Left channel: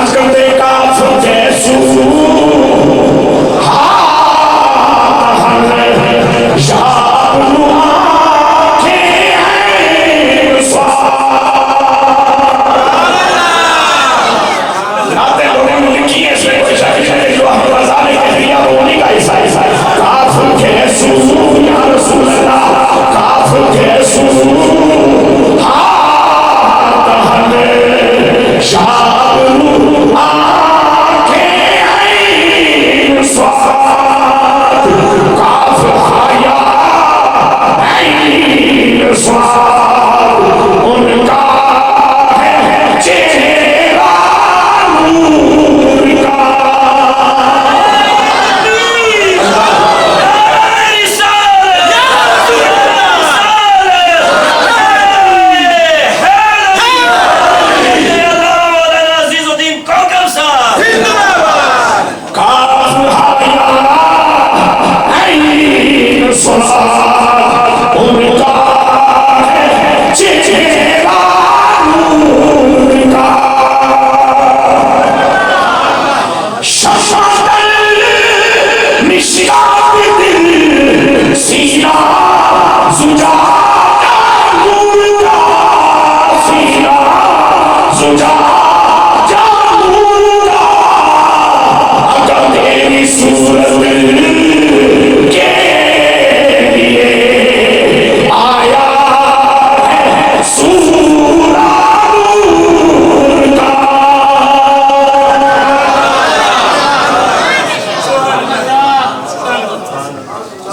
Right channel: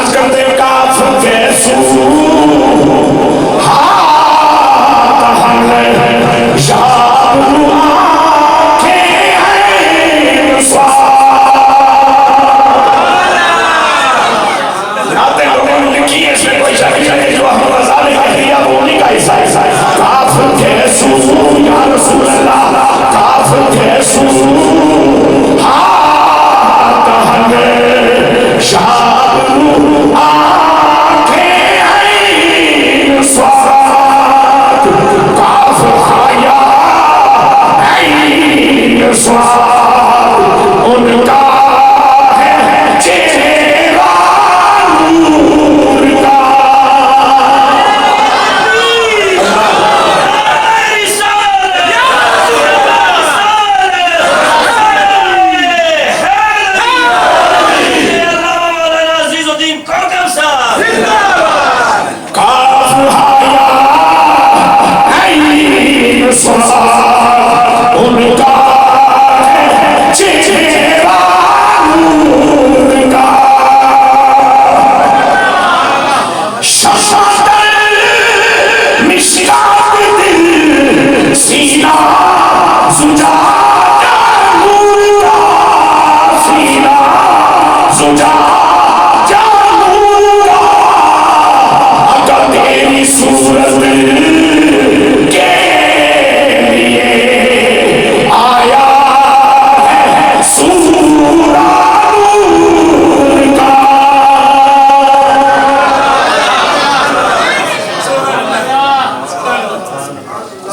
آج کرتے کافر کے سو ہاتھ ہم شاہ آنکھیں ہیں سوار ناتے لوگوں نے لکھی ہے اس میں کوئی شاہی ہے جو ہم رضا نے کہہ دیا وہ نہیں کا حصہ ہے کافر کے سو یا رسول اللہ کافر کے سو ہاتھ ہم شاہ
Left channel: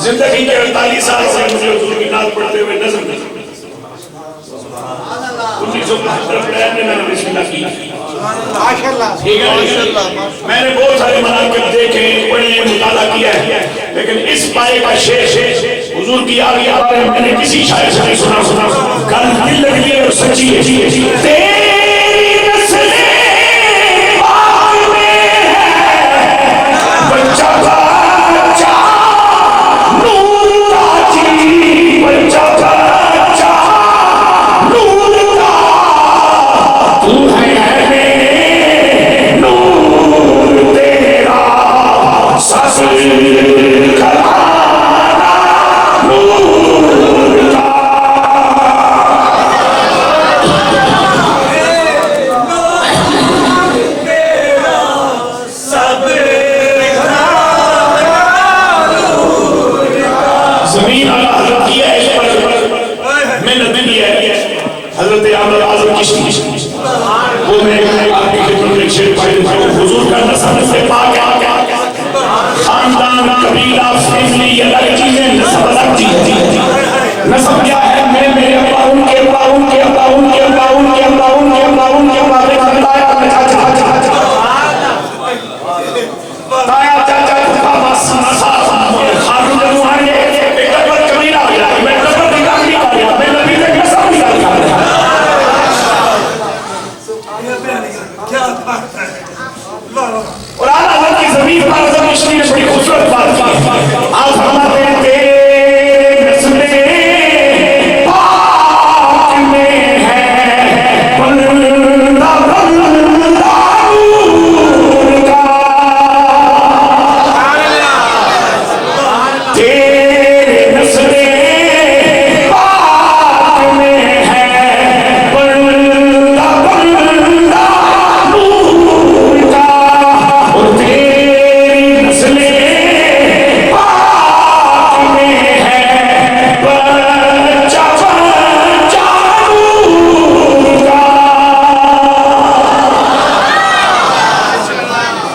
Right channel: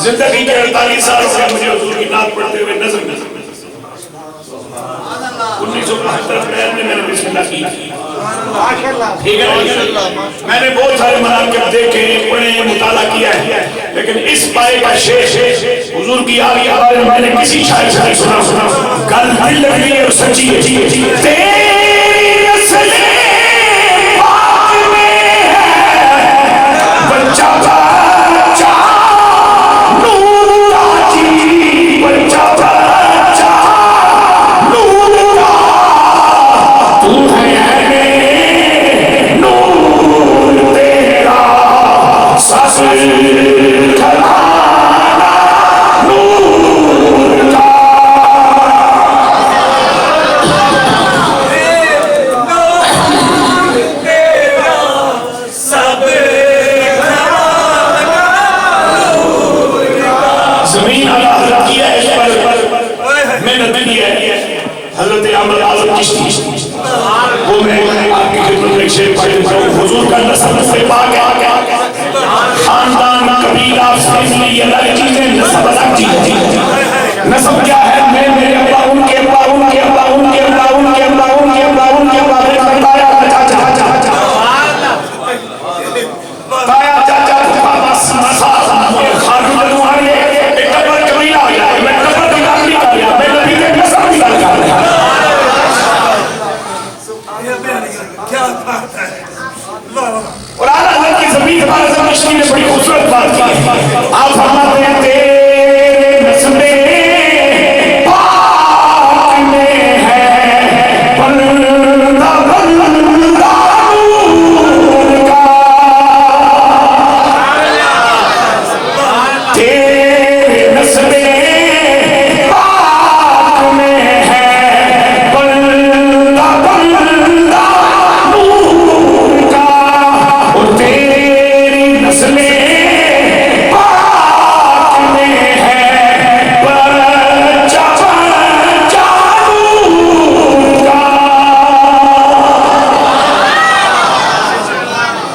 زندگی کے 48 سال سے مجھے حضور کی نعت پڑھتے ہوئے نظر 1975 میں نے بسم اللہ کی میں نے بہت سارے مناقب دیکھے پڑھے مطالعہ کیا ہے لیکن اس پائے کا شیش حضور کی آگے آگے میں نے کسی شاعر سے سنا گل دل لگی ہے اور سچی ہے حضور کا نسب سے پاک خاندان قبیلہ فیملی یہ الگ چیزیں نسب الگ چیزیں نسب کیا ہے میں میرے ابا ان کے ابا ان کے ابا ان کے ابا ان کے ابا ان کے ابا ان کے ابا تایا چاچا پھپھا مسا خاتون روحانی ایک ٹکر قبیلہ ہو جائے میں ٹکر قبیلہ نہیں کر رہا میں نبی کے نسب نہیں کر رہا کیا بات ہے اور آلہ حضرت کی زمین پر حضرت مشتی نے بڑی خوبصورت بات کی آپ فرماتے ہیں